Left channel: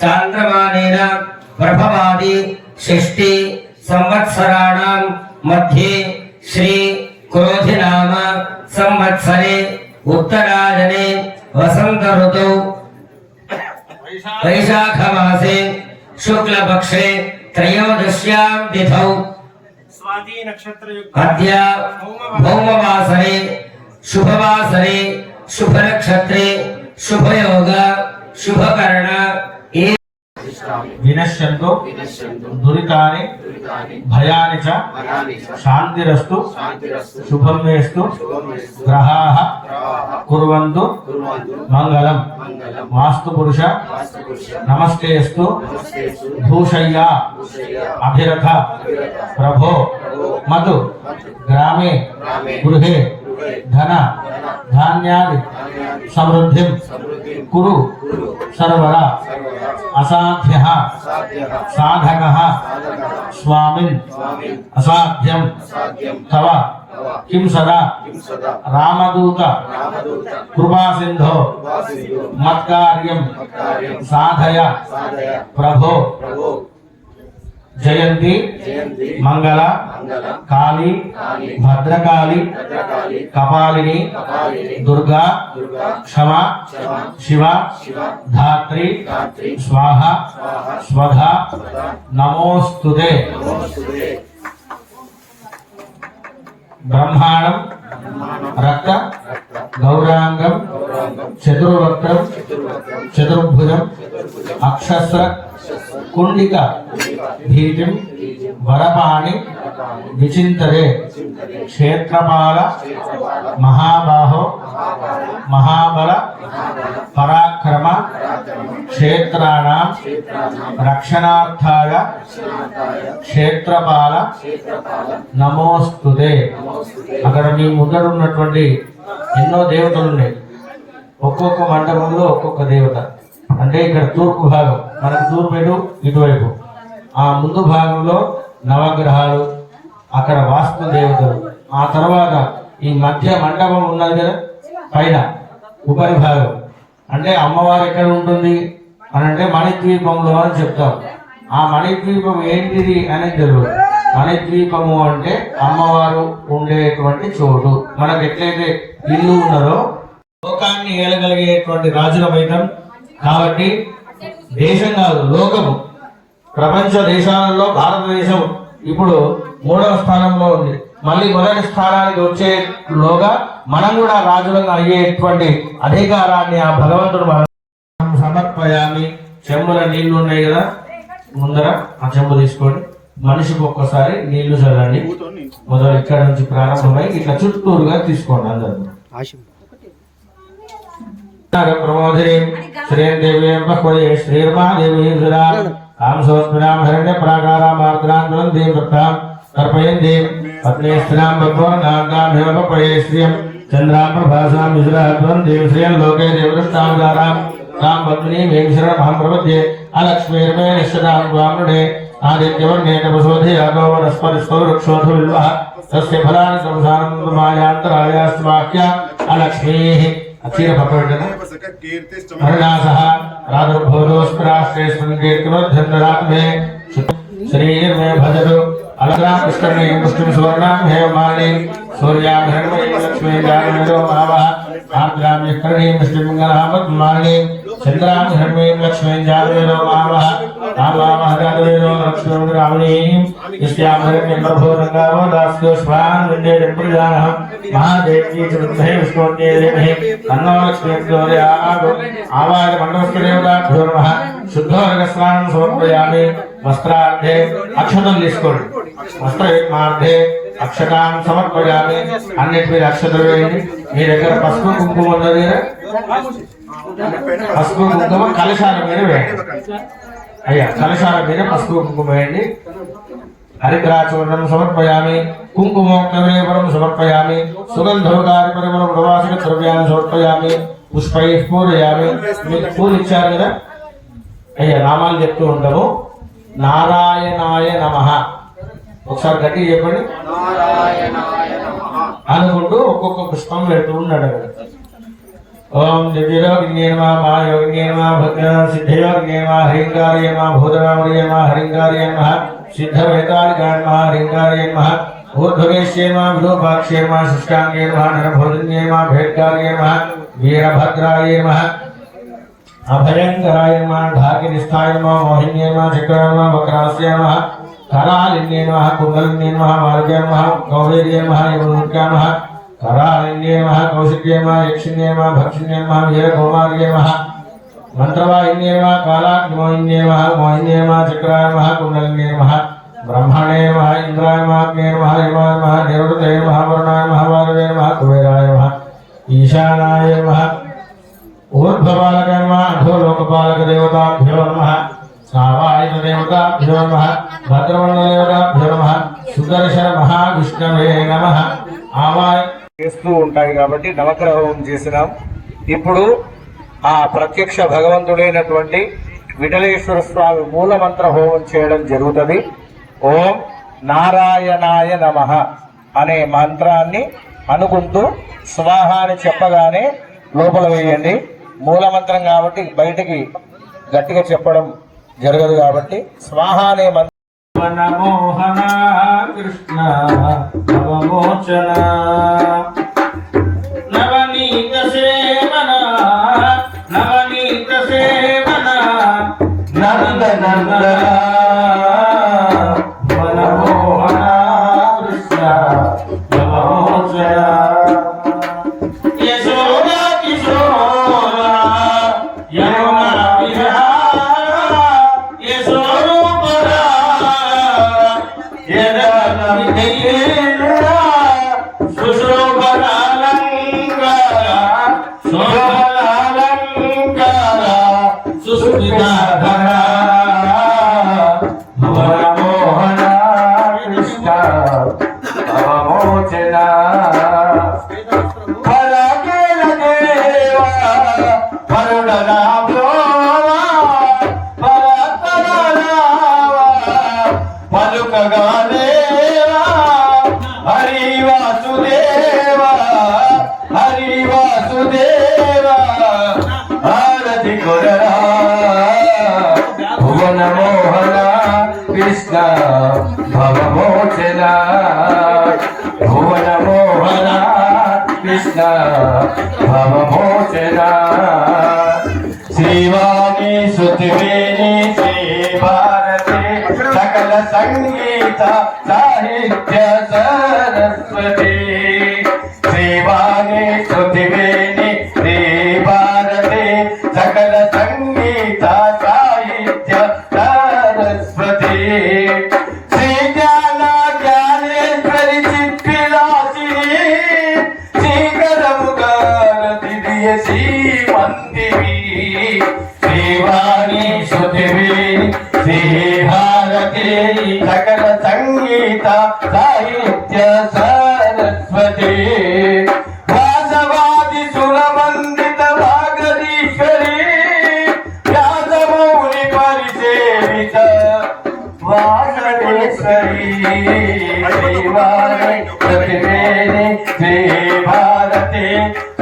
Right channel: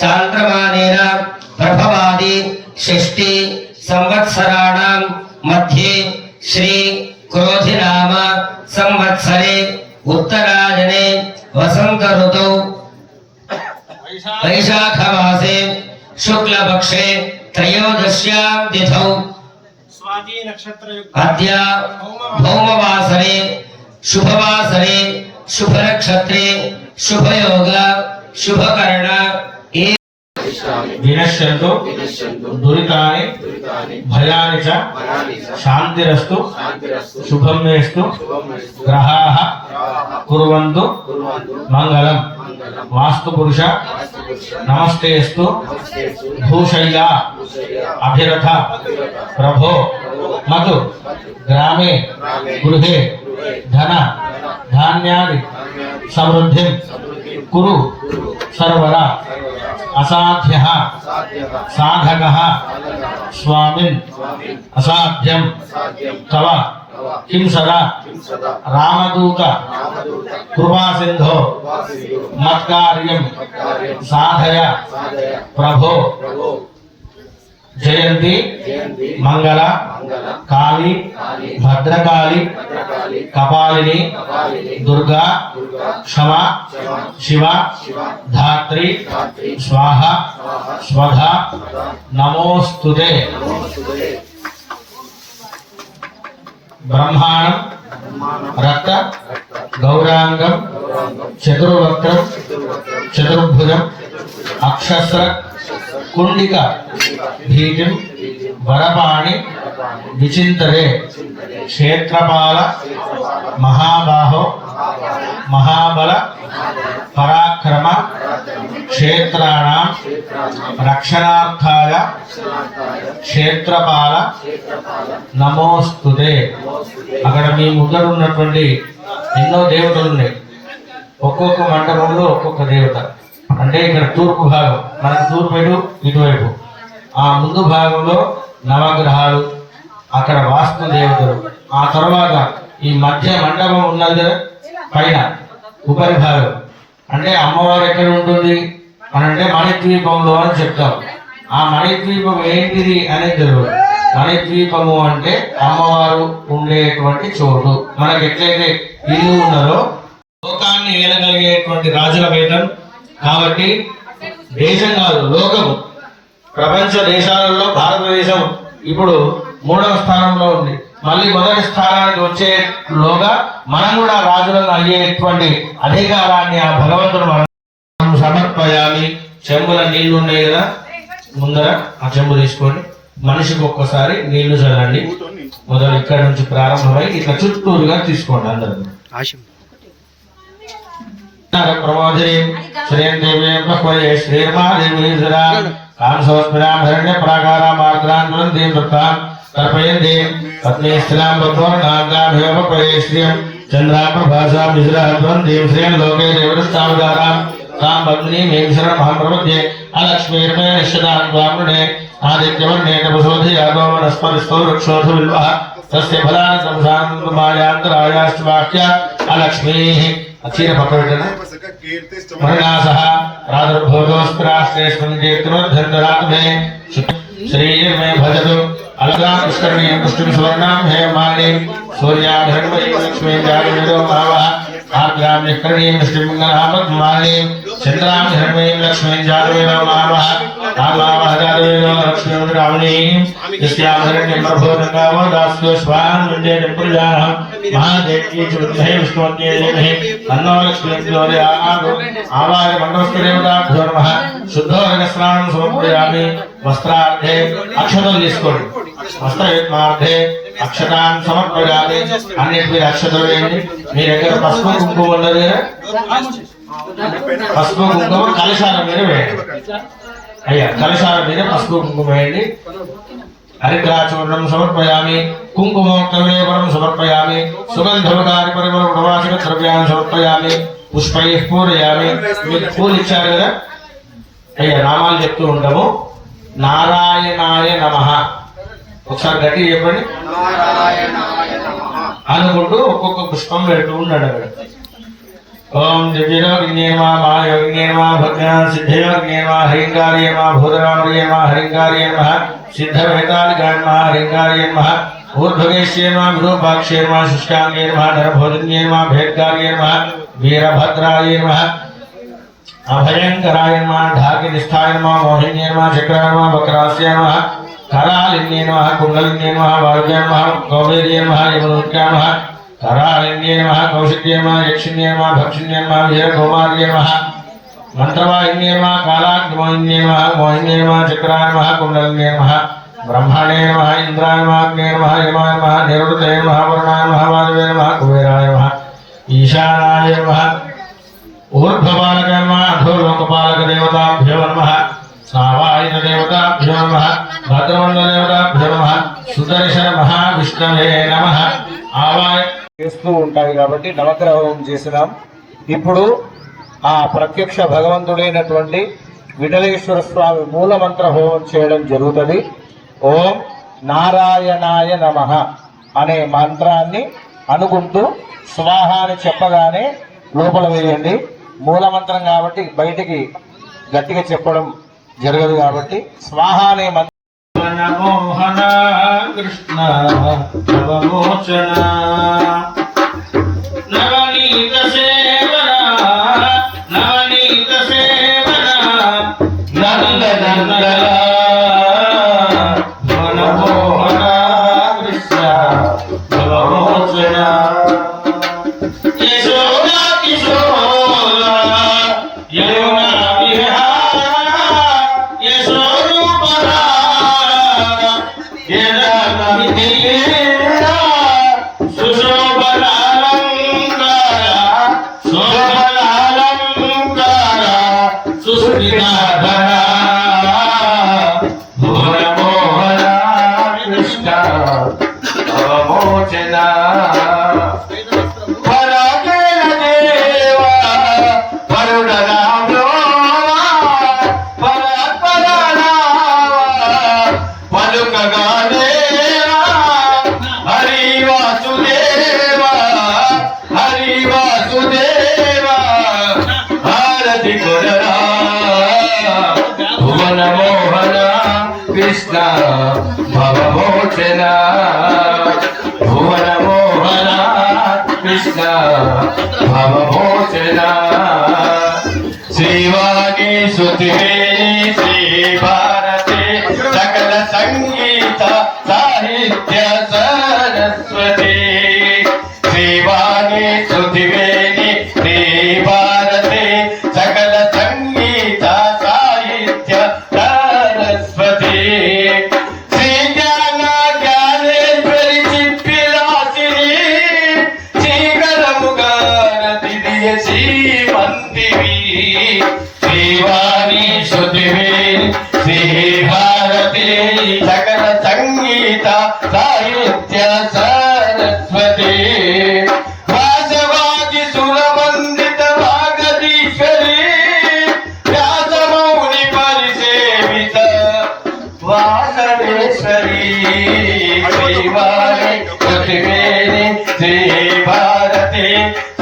चांद्रमानेन प्रभवादि षष्टि संवत्सराणां मध्ये श्री क्रोधिनाम संवत्सरे उत्तरायणे वसंत ऋतौ वैशाख मासे शुक्लपक्षे त्रयोदश्यां तिथौ स्वाति नक्षत्र अद्य भौमवासरे शुभवासरे शुभनक्षत्रे शुभयोग शुभकर्ण विनश्यन्तु दुरितानि भयानि च शान्तिरस्तु शुभं मेस्तु ग्रहाः कुर्वन्तु मंगलम् वास्तुपुरुष नमस्तेस्तु भूषय्या अभिरथ प्रभो मधु ग्रामे गृहे धन धान्यादि समृद्धिं कुरु सर्वदा असाध्यः साधकः स्वामिन् असाध्यं तव किं सदा रामदूत कृपा सिंधो मत्कार्यं साधय प्रभो जयंती मंगल काली भद्रकाली कपालिनी दुर्गा क्षमा शिवा धात्री स्वाहा स्वधा नमोस्तुते ब्रह्मांडं रक्त गौरांगम चतुर्वक्त्रम चतुर्भुजम अक्षस्र कुंडिका भीतिं वरपाणि विचिन्तये क्षेत्रपाल महाबाहो महाबल पराक्रम क्षेत्राणां रक्षणार्थाय क्षेत्रपाल नमोस्तुते। అక్కడ మీ ముందర ఉన్నటువంటి ఎన్నో దేవతలు ఉన్నాయి. ఒక్కొక్క మండపంలో ఒక్కొక్క దేవత. అంటే ఇక్కడ తూర్పు భాగం, మనకు తూర్పు ఇటువైపు, ఆ ముందు భాగంలో నవగ్రహాలు, అక్కడ వాస్తు దేవతలు, ఆ తర్వాత ఈ మధ్య మండపం ఉన్నది కదా పైన ఉపరి భాగం, అంటే అమ్మవారు ఎక్కడ ఉంటుంది అని అంటే మణిద్వీపంలో అని చెప్తాం. ఆ మణిద్వీపం ఏంటిది అనేది తెలియదు. మణిద్వీపము అంటే అమ్మవారు ఉండేటువంటి చోటు. మనకి ఎట్లయితే ఇల్లు ఉన్నదో లోకాన్ని ఏలగలిగేటువంటి రాజుల వైద్యం కాబట్టి దేశం కాదు లోకము, ప్రపంచ దేశాలలో భారతదేశం ఇప్పుడు 3వ స్థానంలో ఉంది. మళ్ళీ మొదటి స్థానానికి వచ్చేలోగా మనం కూడా రాజులను అయ్యేటువంటి అధికారాన్ని ఆ భగవంతుడు మనం సమర్పయామి. చెంబుల నీళ్లు ఉన్నాయి కదా ముందర, ఆ చెంబు తీసుకొని మనిషికి ఒక్కసారి నీళ్లు చల్లండి. మొదలు ఇక్కడ నుంచి ప్రారంభమై ఇట్లా చుట్టూరుగా తీసుకోండి అందరూ. ప్రమోదిని శ్రీం దేవీం బహ్వయే శ్రీర్మాదేవి కాంసోస్మినాం హిరణ్య ప్రాకారా మార్గాంతరం దేం దత్తాం తర్పయందే పత్నీస్త్రాం భద్వర్ణాంగాభ్యోమ పరే శ్రియం చంద్రాం ప్రభాసాం విజరాధ్వం దేవ శ్రియం లోకే దేవదత్తావదారాం తాం పత్నీ మేఘశర మహాప్రవద్యే అలక్ష్మీర్మే నిశ్చదాం బ్రాహ్మణే ఆదిత్యవర్ణే తపసోధి యాదో వనస్పతిస్థో వృక్షోధ విల్వః తస్య ఫలాని సంసానంతమాయాంతరాయాశ్వాక్య అలక్ష్మీః. అచీర పక్కబెట్టండి. మరణాసహ రాధర్భోదోస్త్రాశ్రేష్మన్ కీర్తినోద్ధండరాత్మే శ్రీర్మే భజతు अलगा पुष्करणी पुष्टिम सुवर्णाम हेमानि सूर्यां हिरण्मयी लक्ष्मीं जागरणो भावः आर्द्रां निष्करणीं श्रीमङ्गलहापद्मानि चन्द्रां हिरण्मयीं लक्ष्मीं जागरणो भावः आमावः जागरणो लक्ष्मीं रामणीं यस्यां हिरण्यं प्रभोदङ्गावो दास्यो स्वान् विद्ये जम्प्रजानः महादेवी च विद्महे विष्णुवत्यै धीमहि तन्नो लक्ष्मीं प्रचोदयात् आवाय मण्डलस्देवताभ्यो नमः शुद्धोदकस्नानं समर्पयामि वस्त्रार्धे अक्षतలు తీసుకోండి వస్త్రయుగ్మార్ధే అక్షతాన్ సమర్పయామి అన్నిటి మీద అక్షతలు వేయండి మీ దగ్గర పసుపు కుంకుమ ఉన్నది కదా పసుపు కుంకుమ కలశాల మీద వేయండి అయ్యా కలశాల మీద పసుపు కుంకుమ వేయండి హరిద్రాచూర్ణం సమర్పయామి కుంకుమోక్తవిలేపనం సమర్పయామి సుగంధోదారి పరిమళ ప్రవాసిక ద్రవ్యాన్ని సమర్పయామి పుష్పై పూరయామి మీకు పూలు ఇచ్చారు కదా అయ్యా నామాలు చెప్తూ ఉంటాము నారాయణాయ నమః ఒకసారి గట్టిగా చెప్పండి అనుకుంటూ ఒక్కొక్క పుష్పం పెడుతూ ఉన్నాడు అక్కడ ओम दिव्ययोगिन्ये नमः महायोगिन्ये नमः भक्तसिद्धयोगिन्ये नमः हरिंगार्ये नमः भूतरामर्ये नमः हरिंगार्ये नमः सिद्धवेतालिकाय नमः हरिंगार्ये नमः ऊर्ध्वगेश्ये नमः विरूपाक्षे नमः शुष्कांगे नमः नरभोजन्ये नमः भेदकार्ये नमः वीरभद्राय नमः अभयंकराय नमः ढाकिनिष्ठाय नमः मोहिन्ये नमः चक्राय नमः वक्रास्याय नमः करालिन्ये नमः कुंडलिन्ये नमः वारुज्याय नमः कौबेर्ये नमः यमनोत्याय नमः करालिन्ये नमः कौशिक्ये नमः यक्षिण्ये नमः भक्षिण्ये नमः वीरकौमार्ये नमः मंत्रवाहिन्ये नमः कालाग्निमोहिन्ये नमः मोहिन्ये नमः चक्राय नमः कुंडलिन्ये नमः ब्रह्मणे नमः इंद्राय नमः अग्ने नमः यमाय नमः निरुद्धये नमः वरुणाय नमः वायवे नमः कुबेराय नमः ईशानाय नमः ऊर्ध्वपालक नमः अधोलोकपालक देवताभ्यो नमः सावायन देवताभ्यो नमः भद्रमण्डल देवताभ्यो नमः सुदर्शन महाविष्णवे नमः आवाय చేస్తూ ఉంటాయి కాబట్టి నవగ్రహ హోమం చేసినాం. ఇప్పుడు ఆ ప్రత్యక్ష భగవంతుడైనటువంటి విఠలేశ్వర స్వామి మూలమంత్ర హోమం చేయడం జరుగుతుంది. ఓం నారాయణాయ నమః అనే మంత్రాన్ని అనుకుంటూ స్వాహ అని చెప్పగానే లోపల వేయండి. మూలమంత్రం కాబట్టి బయటికి గట్టిగా చెప్పడం జరగదు కాబట్టి స్వాహ అనే మంత్రం मनमोहन कृष्ण नवमोचन नवनीत सेवन नंद नंदन मनमोहन कृष्ण नवमोचन यशोदा किशोर यमुना विहार यशोरूपरा कृष्ण भवमोचन भुवन मोहन कृष्ण भवमोचन श्रीवाणी सुतिवेणी श्री भारती सकल संगीत साहित्य सरस्वती श्रीवाणी सुतिवेणी श्री भारती सकल संगीत साहित्य सरस्वती श्री ज्ञान ज्ञानेश्वरी चित्पिलासिनी श्रीकरमुगारतिदिय श्रीमन्तिवी श्रीवाणी श्रुतिवी श्री भारती सकल संगीत साहित्य सरस्वती वासवादि सुरवन्दित वागदीश्वरी व्यासमौनि परिसेवित वासवेश्वरी श्रीवाणी श्रुतिवेणी श्री भारती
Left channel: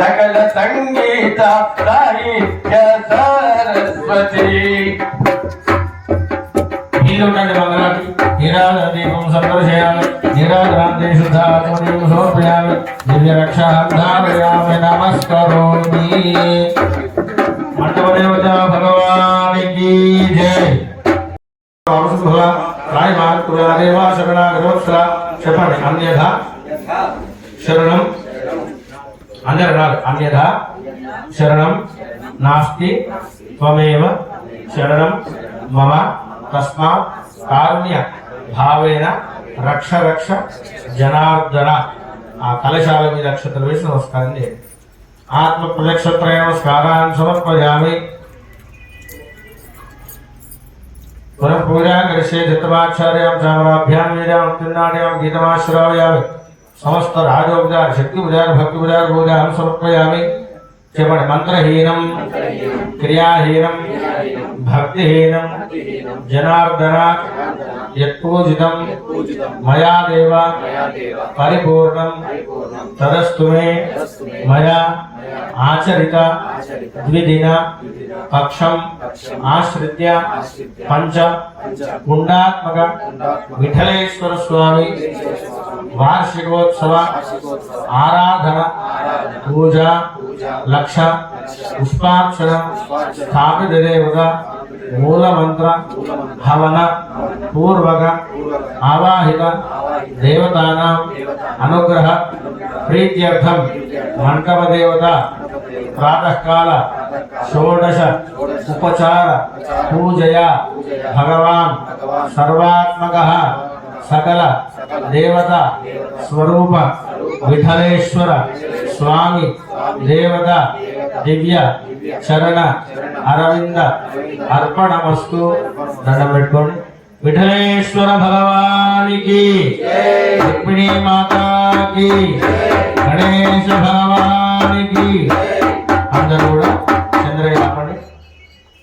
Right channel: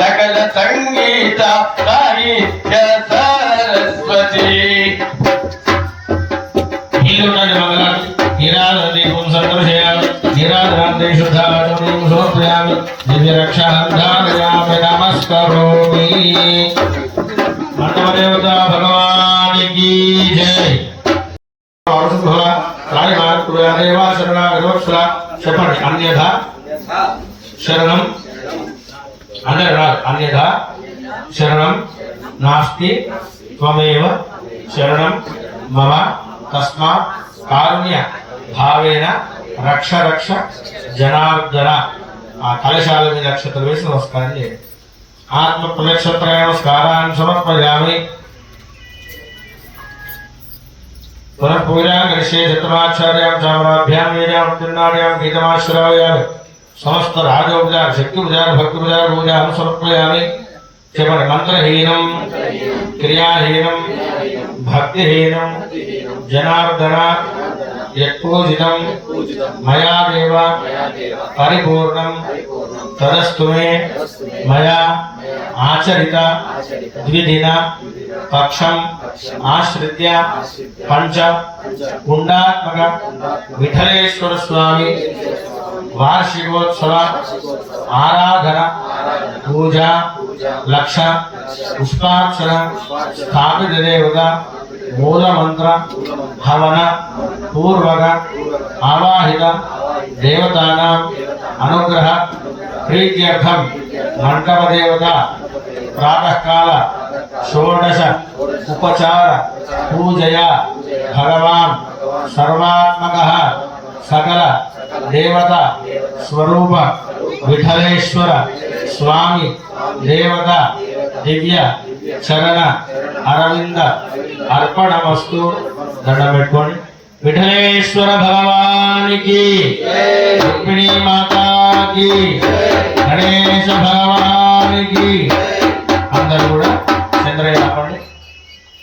सकल संगीत साहित्य सरस्वती निरादीपं संदर्शयामि निरादरान्ते शुद्धाचमनीं समर्पयामि दिव्यरक्षां धारयामि नमस्करोमि मंडपदेवता भगवान की जय रायमात्रेवा शरणागतवत्सला చెప్పండి अन्यथा शरणं अन्यथा शरणं नास्ति त्वमेव शरणं मम तस्मात् कारुण्य भावेन रक्ष रक्ष जनार्दन आ कलशाल మీద అక్షతలు వేసి నమస్కారం చేయండి ఆత్మ ప్రదక్షిణత్రయ నమస్కారాన్ని సమర్పయామి पुनः पूजा करिष्ये चतुराचार्यां चामराभ्यां वीर्यां उत्तीर्णायां गीतमाश्रावयामि समस्त राजोपचार शक्तिपचार भक्तिपचार पूजां समर्पयामि చెప్పండి మంత్రహీనం క్రియాహీనం భక్తిహీనం జనార్దన యత్పూజితం మయా దేవ పరిపూర్ణం తదస్తు మే మయా ఆచరిత ద్విదిన పక్షం ఆశ్రిత్య పంచ గుండాత్మక విఠలేశ్వర స్వామి వార్షికోత్సవ ఆరాధన పూజ లక్ష పుష్పార్చన స్థాపిత దేవత మూలమంత్ర హవన పూర్వక ఆవాహిత దేవతానాం అనుగ్రహ ప్రీత్యర్థం మంటప దేవత ప్రాతకాల షోడశ ఉపచార పూజయా భగవాన్ సర్వాత్మకః సకల దేవత స్వరూప విఠలేశ్వర స్వామి దేవత దివ్య చరణ అరవింద అర్పణమస్తు. దండం పెట్టుకోండి. విఠలేశ్వర భగవానికి, రుక్మిణీ మాతాకి, గణేశ భగవానికి. అందరూ కూడా చంద్రయ్య ఆపండి.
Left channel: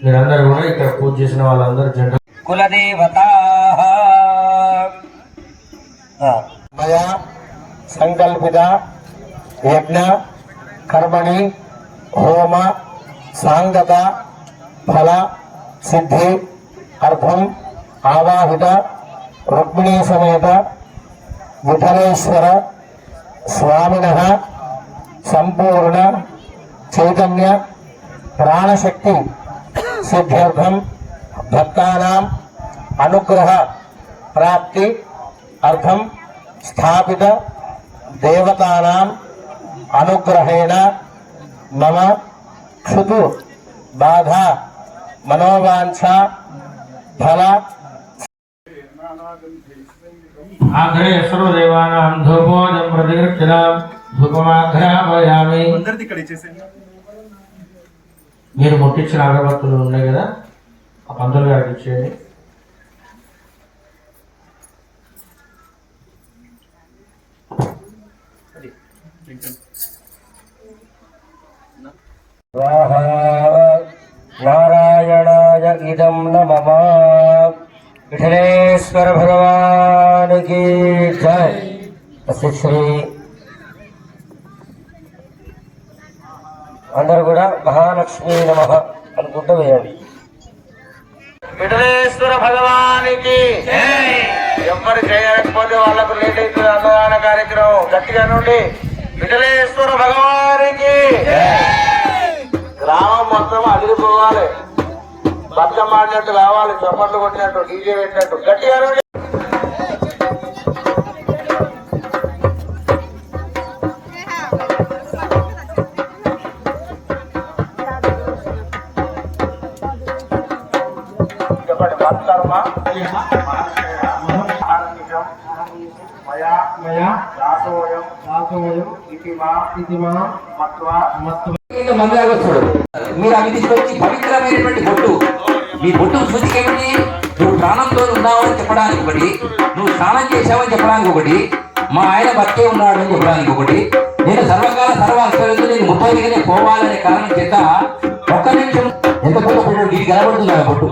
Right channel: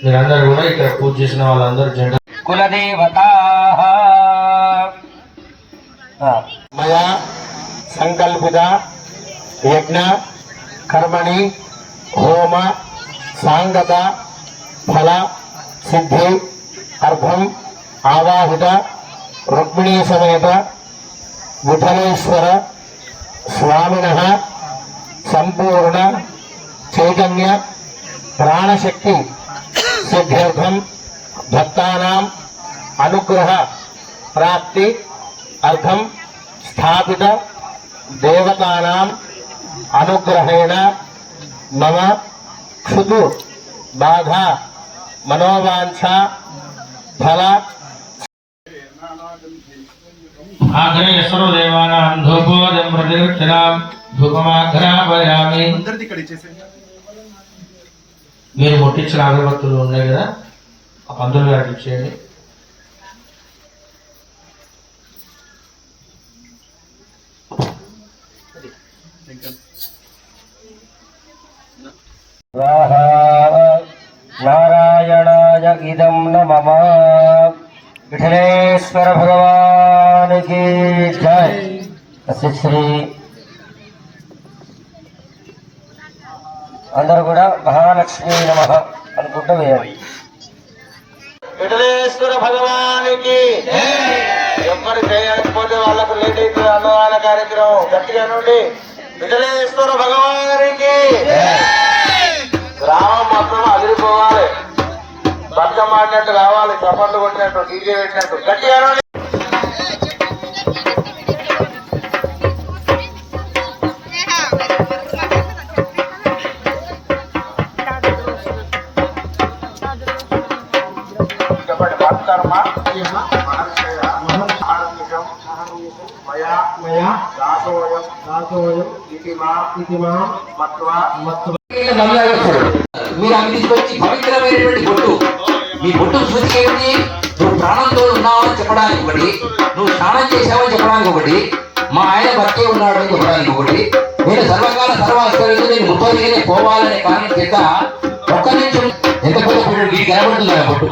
మీరందరూ కూడా ఇక్కడ పూజ చేసిన వాళ్ళందరూ జెండా కులదేవత మయా సంకల్పిత యజ్ఞ కర్మణి హోమ సాంగత ఫల సిద్ధి అర్థం ఆవాహిత రుక్మిణీ సమేత విఠలేశ్వర స్వామినః సంపూర్ణ చైతన్య ప్రాణశక్తి సిద్ధ్యర్థం భక్తానాం అనుగ్రహ ప్రాప్తి అర్థం స్థాపిత దేవతానాం అనుగ్రహేణ మమ క్షుతు బాధ మనోవాంఛ ఫల. ఆగ్రే సర్వదేవానాం ధూపోదం ప్రతిగృహ్ణాం ధూపమాఘ్రాపయామి. మీరు ముట్టించిన అగరబత్తులు ఉన్నాయి కదా, ఆ పంతులు గారికి ఇచ్చేయండి. నారాయణాయ ఇదం నమః. విఠలేశ్వర భగవానికి జై. శ్రీ అందరూ కూడా మహాలక్ష్మీ నమః అనుకుంటూ వేయాలి. విఠలేశ్వర భగవానికి ఎవరు చేయకపోతే వాళ్ళకు లేట్ అవుతుంది అన్నదాన కార్యక్రమం. గట్టిగా నుండి విఠలేశ్వర భగవానికి. గ్రామం మొత్తం అదిరిపోవాలి, బతుకమ్మ ఆడినట్టు కావాలి, చప్పట్లు కొట్టినట్టు, డీజే పెట్టినట్టు. గట్టిగా నుండి కర్మ మీరు అవి తీసుకొచ్చి పవిత్రమైనటువంటి బొట్టు, మీ బొట్టు సూచిక ఏమిటి? నువ్వు ప్రాణంతో ఉన్నావని చెప్పడానికి ఒకటి, నువ్వు స్నానం చేసావని చెప్పడానికి ఒకటి, మా ఆయన బతికే ఉన్నాడు అని చెప్పడానికి ఒకటి, నేను సర్వకాల సర్వాశ్వరుడు నేను ముప్పదిగానే పోవాలనే కారణం చేత ఒక్క నిమిషం ఎంత కొత్త వీడికి కనబడుతుంది ఆ బొట్టు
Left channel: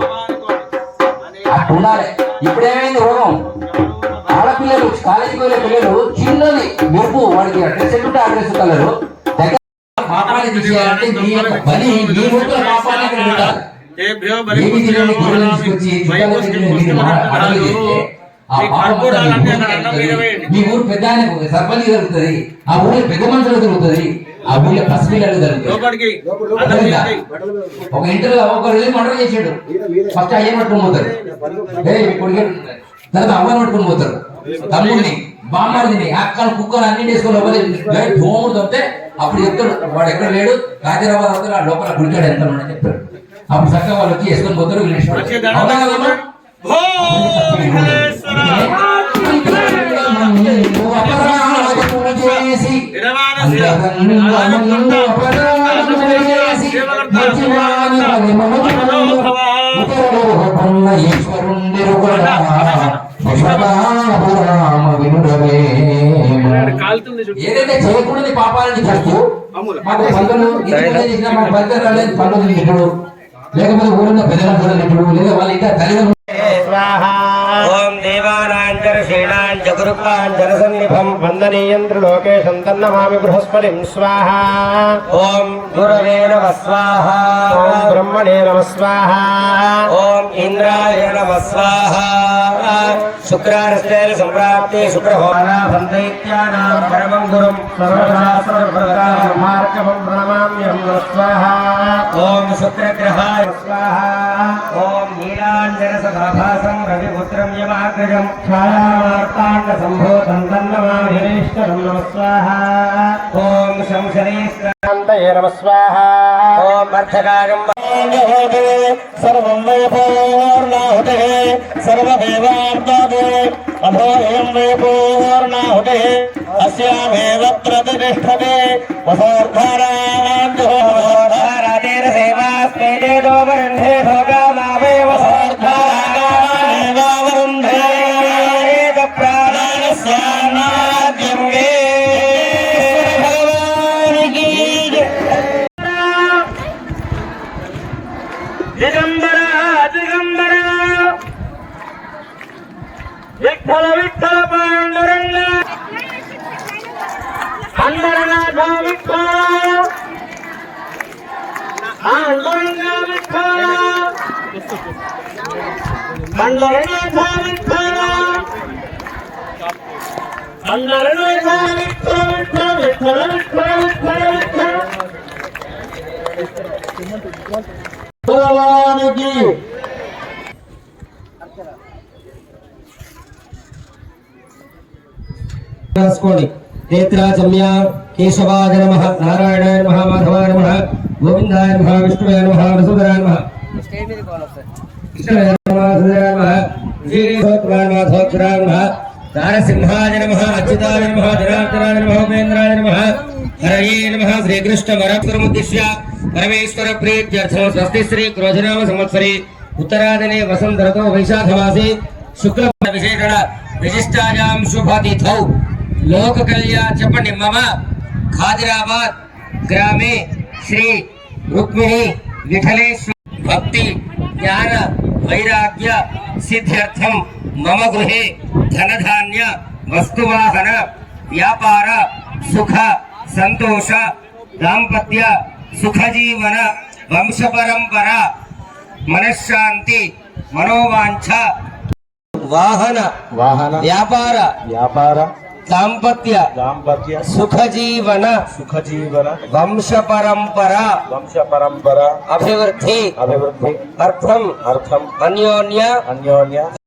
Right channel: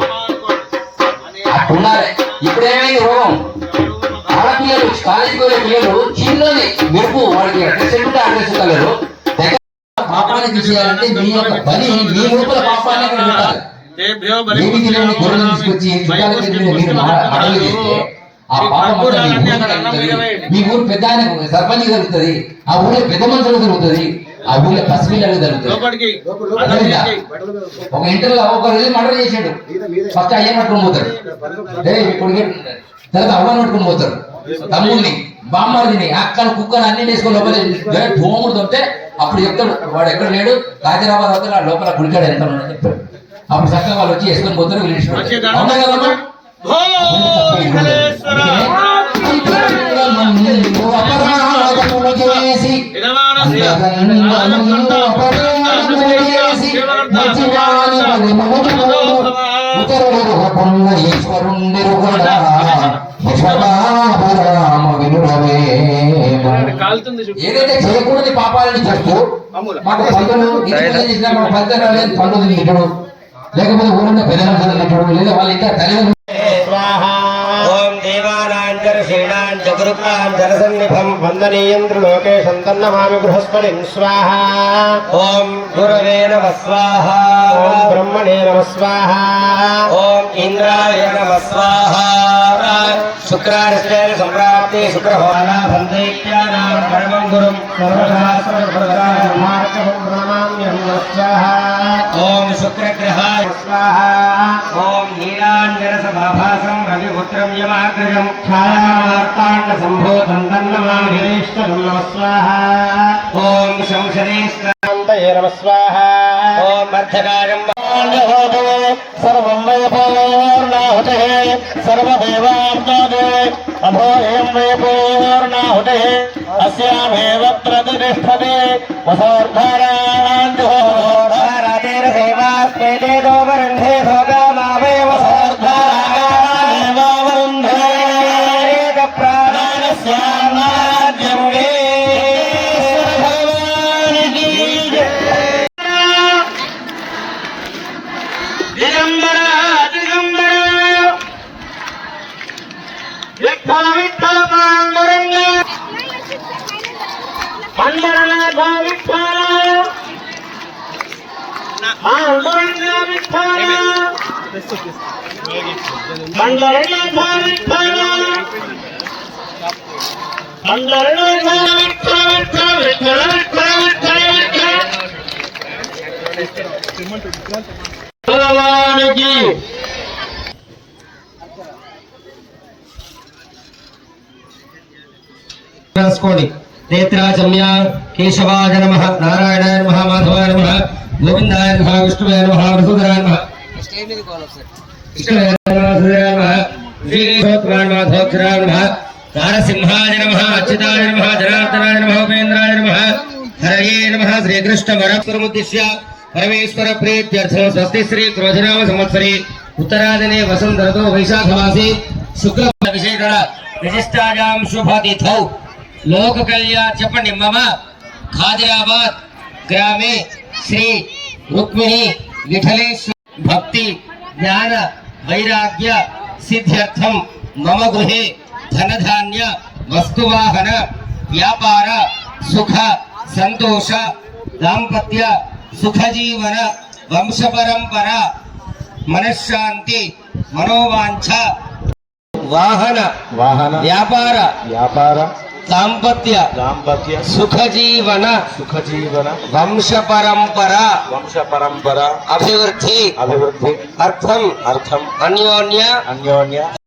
అట్టుండాలి. ఇప్పుడేమైంది రోగం, ఆడపిల్లలు కాలేజీకి వెళ్ళే పిల్లలు చిన్నది మెరుపు వాడికి డ్రెస్ ఉంటే ఆ డ్రెస్ కలరు పాపాన్ని తీసేయాలంటే మీ యొక్క బలి మీ లోపల పాపాన్ని అక్కడ పెట్టాలి. ఏమి తెలియని గొర్రెలను తీసుకొచ్చి చుట్టాల మీరు అడవి చేస్తే ఆ పాపం మీ ఊరు పెద్ద ఆయన సర్పంచ్ జరుగుతుంది, ఆ ఊళ్ళో పెద్ద మనుషులు జరుగుతుంది, ఆ ఊళ్ళో పసిపిల్లలు జరుగుతుంది. ఒక ఇంటర్లో ఒక రోజు మర్డర్ చేసాడు, ఫస్ట్ అయ్యని పట్టుకొని పోతారు, తర్వాత అవ్వని పట్టుకొని పోతారు, తమ్ముడిని బామ్మడిని అక్కను కుక్కను అన్ని వేసుకొని లోపల భూముడు తప్పితే అప్పుడు చెప్తాడు వాడు ఎక్కడ లేడు, రాజరాబాద్ అవుతాడు, లోపల గుడికాడు ఎంత ఉన్నాడని చెప్తాడు. అప్పుడు చక్కగా వాళ్ళు వచ్చి వేసుకొని పోతారు, అవునా కదమ్మా? ఏదైతే చేయకూడని పాపాలని చేస్తూ మాకు పండుగలు చేసిన మాకు ఫలితం రాలేదు, పండుగ తింటాడు, లేకపోతే ఊళ్ళో పెద్ద మనుషులు తింటాడు, లేదా వాళ్ళ ఇంకా తల్లిదండ్రులు. ఓం దేవానాంతర శ్రీణాంచ దుర్గాంజనసన్నిభం వందనీయం త్రిలోకేశం తన్నమామి బృహస్పతిం స్వాహా. ఓం గురవే నమః స్వాహా. ఓం బ్రహ్మణే నమః స్వాహా. ఓం ఇంద్రాయ నమః స్వాహా. శుక్రార్శ్రేణ సంప్రాప్తి శుక్రహోలాభం దైత్యానాం పరమం గురుం సర్వశాస్త్రమార్గం ప్రణమామ్యం నమః స్వాహా. ఓం శుక్రగ్రహాయ స్వాహా. ఓం నీలాంజన సదాభాసం రవిపుత్రం యమాగ్రజం ఛాయావార్తాండ సంభూతం తన్నమామిష్టం నమః స్వాహా. ఓం శంశరేష్టాంతయే నమః స్వాహా. ఓం అర్థకారం సర్వం వయపూర్ణాహుతే సర్వదేవార్తాదే అభోయం వయపూర్ణాహుతే అస్యామేవ ప్రతిష్టతే వసోర్ధారాంధోరాదేర సేవాస్మేదే దోవరుంధే భోగామావే వసోర్ధారాదేవావరుంధే ప్రాణాస్యానాద్యం మే భగవానికి దిగంబర దిగంబర విఠల విఠల పాండురంగ అంబరనాథ విఠల పాండురంగ విఠల అంబరనాథ విఠల అంబరనాథ విఠల భగవానికి రాసుకోండి. నేత్రాచమ్య కేశవాయ నమః, నారాయణాయ నమః, మాధవాయ నమః, గోవిందాయ నమః, విష్ణువే నమః, వసుధరాయ నమః, కృష్ణాయ నమః, వసుధరాయ నమః, శ్రీరేషోత్తరాయ నమః, ధోక్షరాయ నమః, నారసింహాయ నమః, అచ్యుతాయ నమః, జనార్దనాయ నమః, ఉపేంద్రాయ నమః, హరయే నమః. శ్రీకృష్ణ వరముద్దిశ్య పరమేశ్వర ప్రీత్యర్థం స్వస్తి శ్రీ క్రోధనామ సంవత్సరే ఉత్తరాదినే వసంత ఋతో వైశాఖమాసే శుక్ల విశేషణ విశిష్టాయాం శుభతిథౌ లోక కళ్యాణ చెప్పండి. మమ ఖాదిరాబాద్ గ్రామే శ్రీ రుక్మిణి విఠలేశ్వర భక్తి జ్ఞాన వైరాగ్య సిద్ధ్యర్థం మమ గృహే ధనధాన్య వస్తువాహన వ్యాపార సుఖ సంతోష దాంపత్య సుఖజీవన వంశ పరంపర మనశ్శాంతి మనోవాంఛ వాహన వ్యాపార దాంపత్య సుఖజీవన వంశ పరంపర అభివృద్ధి అర్థం అన్యోన్య